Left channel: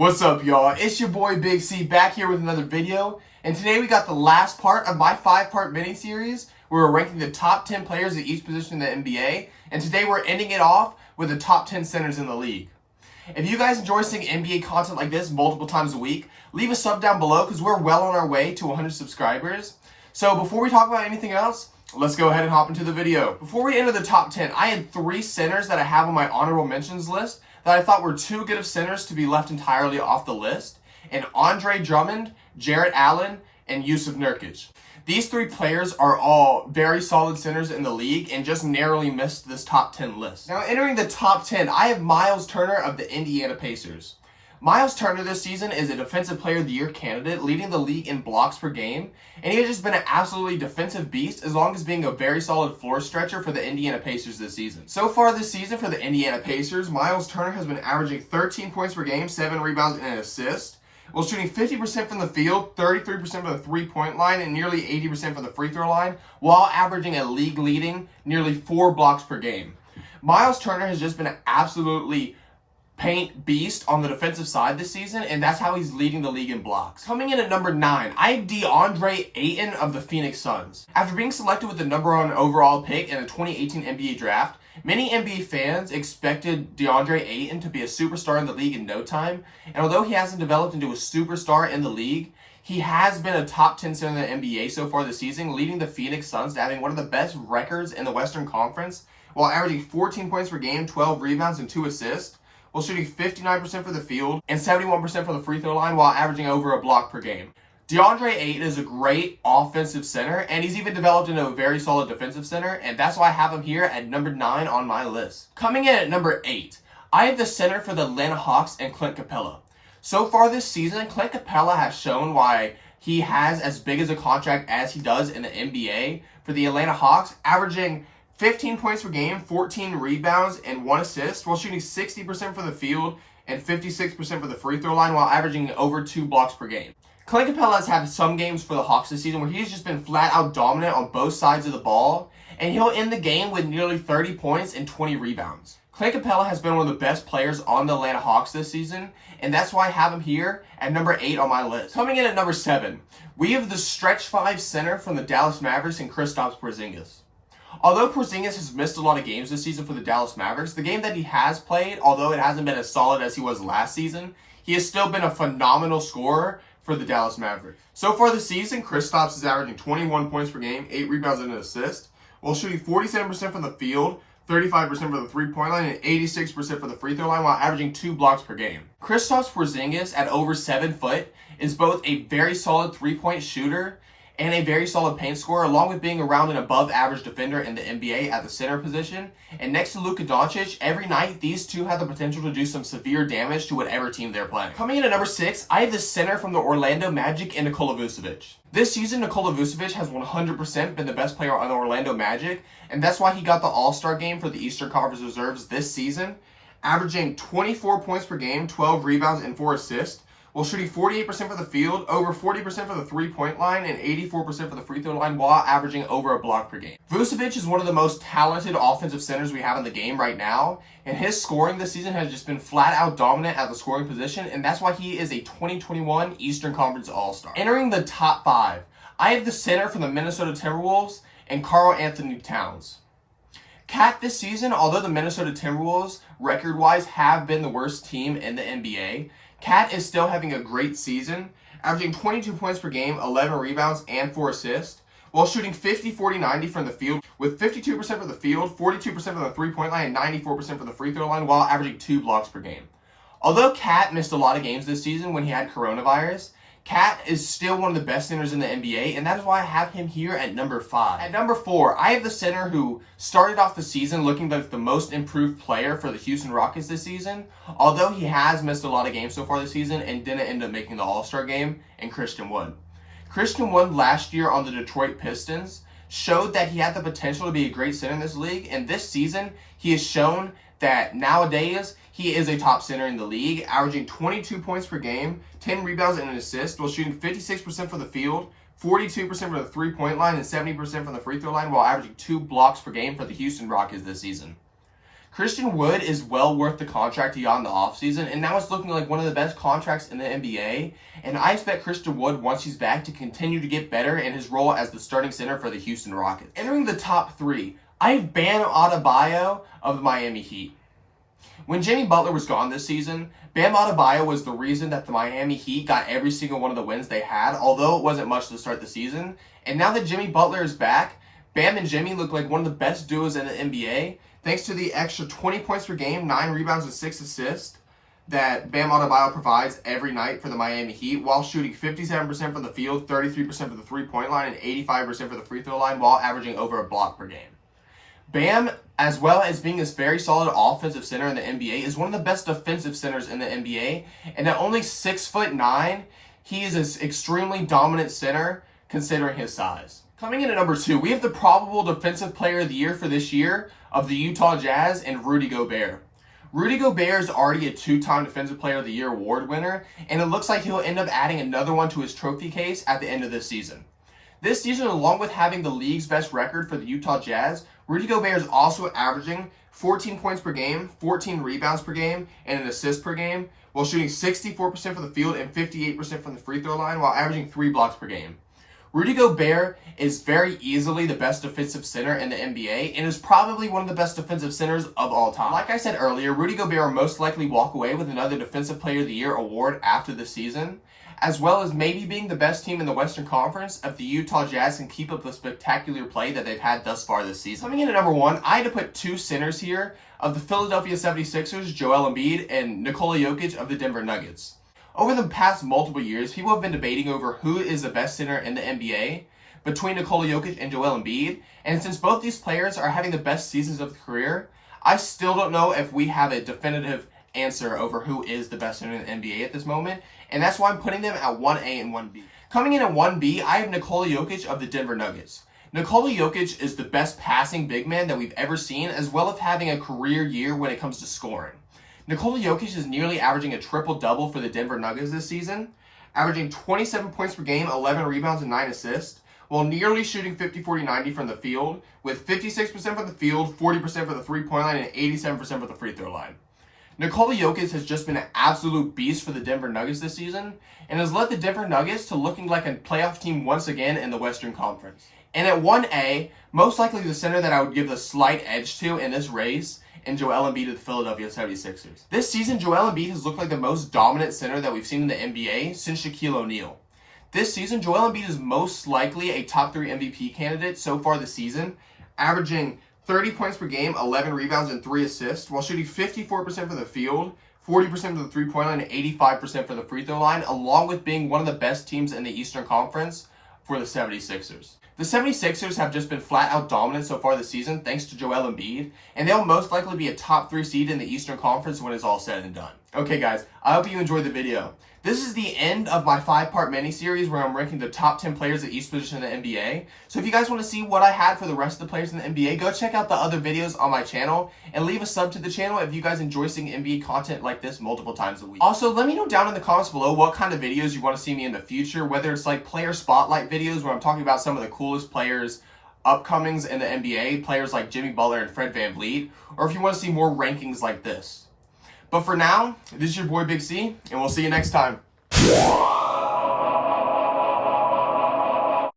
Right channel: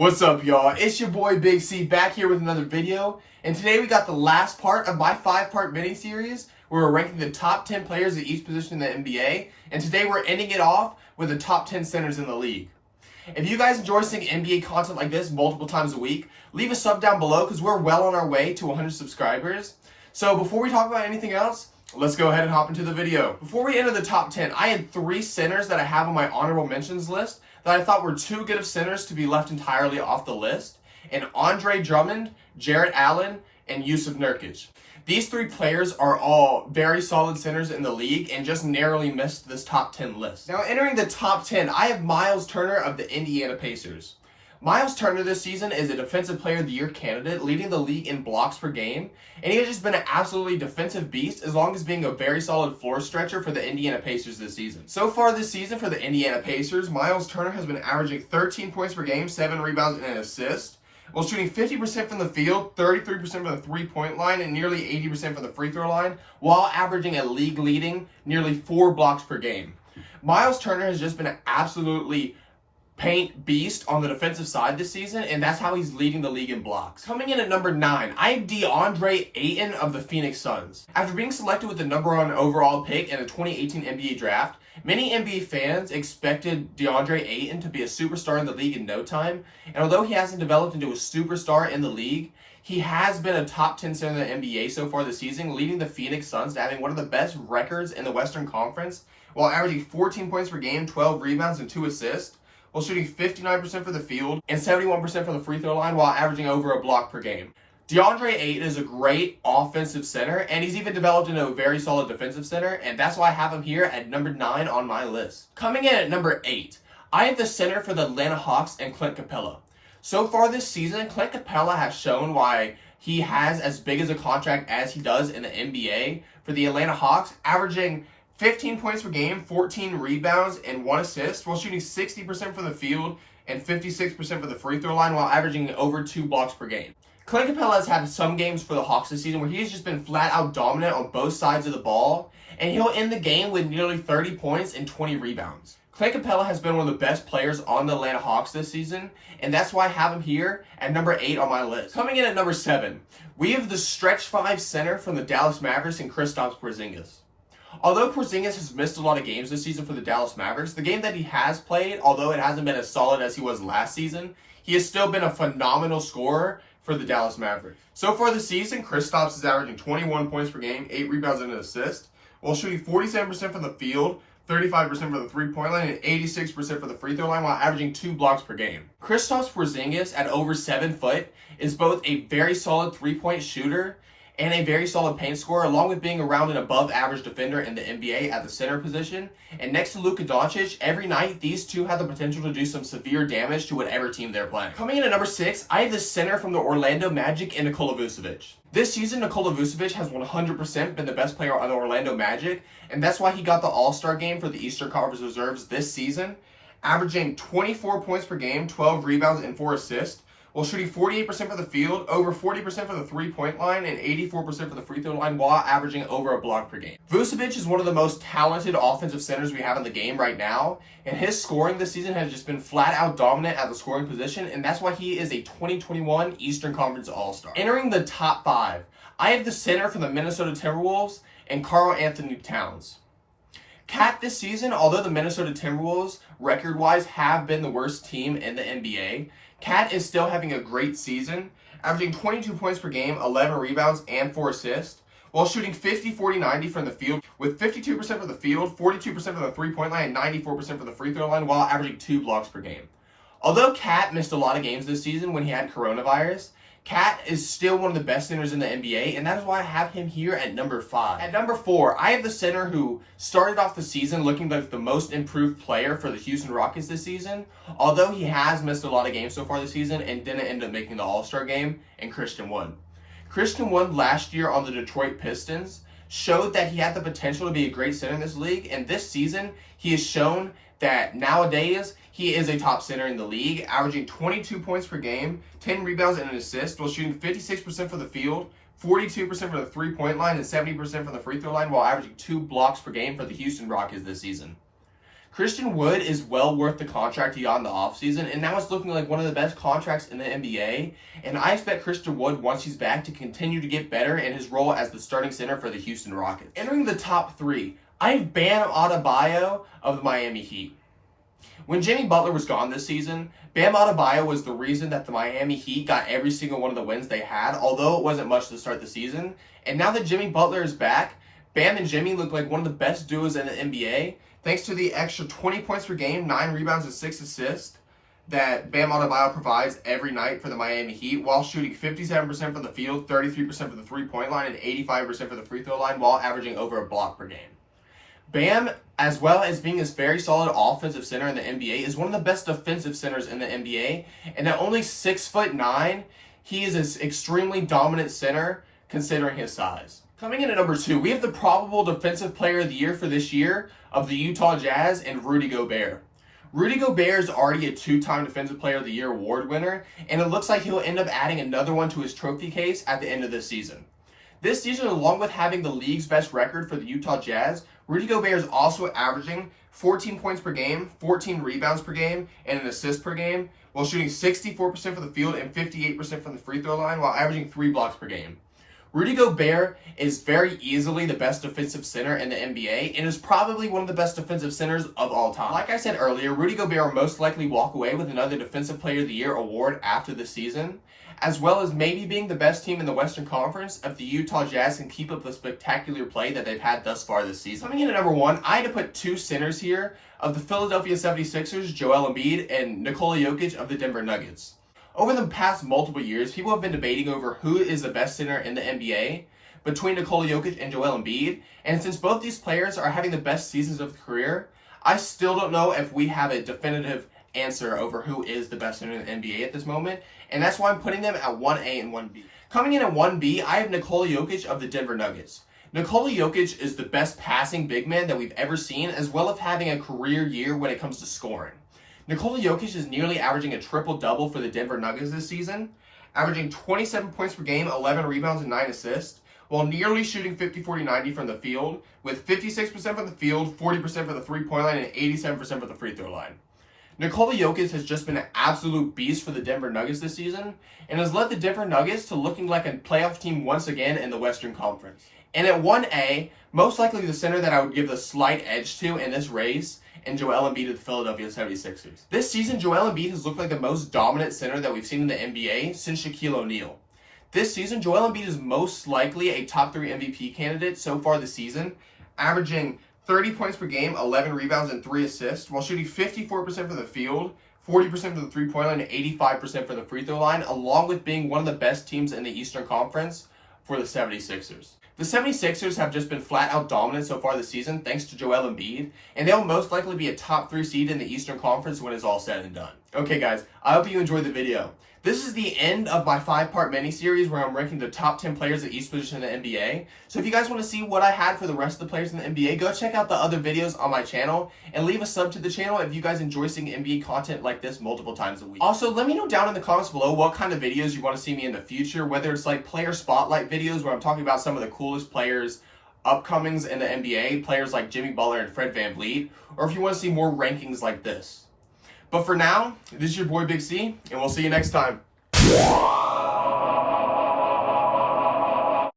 What's up, y'all? It's your boy Big C back here with another video, and today we got the last part of my 5-part mini-series where we're ranking the top 10 players at each position in the NBA, and today we're ending it off with the top 10 centers in the league. If you guys enjoy seeing NBA content like this multiple times a week, leave a sub down below because we're well on our way to 100 subscribers. So before we talk about anything else, let's go ahead and hop into the video. Before we enter the top 10, I had 3 centers that I have on my honorable mentions list that I thought were too good of centers to be left entirely off the list, and Andre Drummond, Jarrett Allen, and Jusuf Nurkic. These 3 players are all very solid centers in the league and just narrowly missed this top 10 list. Now entering the top 10, I have Myles Turner of the Indiana Pacers. Myles Turner this season is a Defensive Player of the Year candidate, leading the league in blocks per game, and he has just been an absolutely defensive beast as long as being a very solid floor stretcher for the Indiana Pacers this season. So far this season for the Indiana Pacers, Myles Turner has been averaging 13 points per game, 7 rebounds, and an assist, while shooting 50% from the field, 33% from the three-point line, and nearly 80% from the free throw line, while averaging a league-leading nearly 4 blocks per game. Myles Turner has just been an absolutely paint beast on the defensive side this season, and that's how he's leading the league in blocks. Coming in at number 9, I have Deandre Ayton of the Phoenix Suns. After being selected with the number 1 overall pick in the 2018 NBA draft, many NBA fans expected Deandre Ayton to be a superstar in the league in no time, and although he hasn't developed into a superstar in the league, he has been a top 10 center in the NBA so far this season, leading the Phoenix Suns to having one of the best records in the Western Conference, while averaging 14 points per game, 12 rebounds, and 2 assists, while shooting 59% for the field and 71% for the free throw line, while averaging over a block per game. Deandre Ayton is a great offensive center, and he's even developed into a very solid defensive center, and that's why I have him here at number 9 on my list. Coming in at number 8, I have the center for the Atlanta Hawks and Clint Capela. So far this season, Clint Capela has shown why he has as big as a contract as he does in the NBA for the Atlanta Hawks, averaging 15 points per game, 14 rebounds, and 1 assist, while shooting 60% from the field and 56% for the free throw line, while averaging over 2 blocks per game. Clint Capela has had some games for the Hawks this season where he's just been flat out dominant on both sides of the ball, and he'll end the game with nearly 30 points and 20 rebounds. Clint Capela has been one of the best players on the Atlanta Hawks this season, and that's why I have him here at number 8 on my list. Coming in at number 7, we have the stretch 5 center from the Dallas Mavericks and Kristaps Porzingis. Although Porzingis has missed a lot of games this season for the Dallas Mavericks, the game that he has played, although it hasn't been as solid as he was last season, he has still been a phenomenal scorer for the Dallas Mavericks. So far this season, Kristaps is averaging 21 points per game, 8 rebounds, and an assist, while shooting 47% from the field, 35% for the three-point line, and 86% for the free throw line, while averaging 2 blocks per game. Kristaps Porzingis, at over 7 foot, is both a very solid 3-point shooter and a very solid paint scorer, along with being around an above-average defender in the NBA at the center position. And next to Luka Doncic, every night, these two have the potential to do some severe damage to whatever team they're playing. Coming in at number 6, I have the center from the Orlando Magic and Nikola Vucevic. This season, Nikola Vucevic has 100% been the best player on the Orlando Magic, and that's why he got the All-Star game for the Eastern Conference Reserves this season, averaging 24 points per game, 12 rebounds, and 4 assists, while shooting 48% for the field, over 40% for the three-point line, and 84% for the free throw line, while averaging over a block per game. Vucevic is one of the most talented offensive centers we have in the game right now, and his scoring this season has just been flat-out dominant at the scoring position, and that's why he is a 2021 Eastern Conference All-Star. Entering the top 5, I have the center for the Minnesota Timberwolves and KarlAnthony Towns. Cat this season, although the Minnesota Timberwolves, record-wise, have been the worst team in the NBA, Cat is still having a great season, averaging 22 points per game, 11 rebounds, and 4 assists, while shooting 50-40-90 from the field, with 52% for the field, 42% for the three-point line, and 94% for the free throw line, while averaging 2 blocks per game. Although Cat missed a lot of games this season when he had coronavirus, Cat is still one of the best centers in the NBA, and that is why I have him here at number 5. At number 4, I have the center who started off the season looking like the most improved player for the Houston Rockets this season, although he has missed a lot of games so far this season and didn't end up making the All-Star game, and Christian Wood. Christian Wood last year on the Detroit Pistons showed that he had the potential to be a great center in this league, and this season he has shown that nowadays he is a top center in the league, averaging 22 points per game, 10 rebounds, and an assist, while shooting 56% for the field, 42% for the three-point line, and 70% from the free throw line, while averaging 2 blocks per game for the Houston Rockets this season. Christian Wood is well worth the contract he got in the offseason, and now it's looking like one of the best contracts in the NBA. And I expect Christian Wood, once he's back, to continue to get better in his role as the starting center for the Houston Rockets. Entering the top 3, I have Bam Adebayo of the Miami Heat. When Jimmy Butler was gone this season, Bam Adebayo was the reason that the Miami Heat got every single one of the wins they had, although it wasn't much to start the season. And now that Jimmy Butler is back, Bam and Jimmy look like one of the best duos in the NBA, thanks to the extra 20 points per game, 9 rebounds, and 6 assists that Bam Adebayo provides every night for the Miami Heat, while shooting 57% from the field, 33% for the three-point line, and 85% for the free throw line, while averaging over a block per game. Bam, as well as being this very solid offensive center in the NBA, is one of the best defensive centers in the NBA, and at only 6'9", he is an extremely dominant center considering his size. Coming in at number 2, we have the probable defensive player of the year for this year of the Utah Jazz and Rudy Gobert. Rudy Gobert is already a 2-time Defensive Player of the Year award winner, and it looks like he'll end up adding another one to his trophy case at the end of this season. This season, along with having the league's best record for the Utah Jazz, Rudy Gobert is also averaging 14 points per game, 14 rebounds per game, and an assist per game, while shooting 64% from the field and 58% from the free throw line, while averaging 3 blocks per game. Rudy Gobert is very easily the best defensive center in the NBA and is probably one of the best defensive centers of all time. Like I said earlier, Rudy Gobert will most likely walk away with another Defensive Player of the Year award after the season, as well as maybe being the best team in the Western Conference if the Utah Jazz can keep up the spectacular play that they've had thus far this season. Coming in at number 1, I had to put 2 centers here of the Philadelphia 76ers, Joel Embiid, and Nikola Jokic of the Denver Nuggets. Over the past multiple years, people have been debating over who is the best center in the NBA between Nikola Jokic and Joel Embiid, and since both these players are having the best seasons of their career, I still don't know if we have a definitive answer over who is the best center in the NBA at this moment, and that's why I'm putting them at 1A and 1B. Coming in at 1B, I have Nikola Jokic of the Denver Nuggets. Nikola Jokic is the best passing big man that we've ever seen, as well as having a career year when it comes to scoring. Nikola Jokic is nearly averaging a triple-double for the Denver Nuggets this season, averaging 27 points per game, 11 rebounds, and 9 assists, while nearly shooting 50-40-90 from the field, with 56% from the field, 40% for the three-point line, and 87% for the free throw line. Nikola Jokic has just been an absolute beast for the Denver Nuggets this season, and has led the Denver Nuggets to looking like a playoff team once again in the Western Conference. And at 1A, most likely the center that I would give the slight edge to in this race, and Joel Embiid of the Philadelphia 76ers. This season, Joel Embiid has looked like the most dominant center that we've seen in the NBA since Shaquille O'Neal. This season, Joel Embiid is most likely a top 3 MVP candidate so far this season, averaging 30 points per game, 11 rebounds, and 3 assists, while shooting 54% for the field, 40% for the three-point line, and 85% for the free throw line, along with being one of the best teams in the Eastern Conference for the 76ers. The 76ers have just been flat out dominant so far this season thanks to Joel Embiid, and they'll most likely be a top 3 seed in the Eastern Conference when it's all said and done. Okay guys, I hope you enjoyed the video. This is the end of my 5-part mini-series where I'm ranking the top 10 players at each position in the NBA. So if you guys want to see what I had for the rest of the players in the NBA, go check out the other videos on my channel and leave a sub to the channel if you guys enjoy seeing NBA content like this multiple times a week. Also, let me know down in the comments below what kind of videos you want to see me in the future, whether it's like player spotlight videos where I'm talking about some of the coolest players upcomings in the NBA, players like Jimmy Butler and Fred VanVleet, or if you want to see more rankings like this. But for now, this is your boy Big C, and we'll see you next time.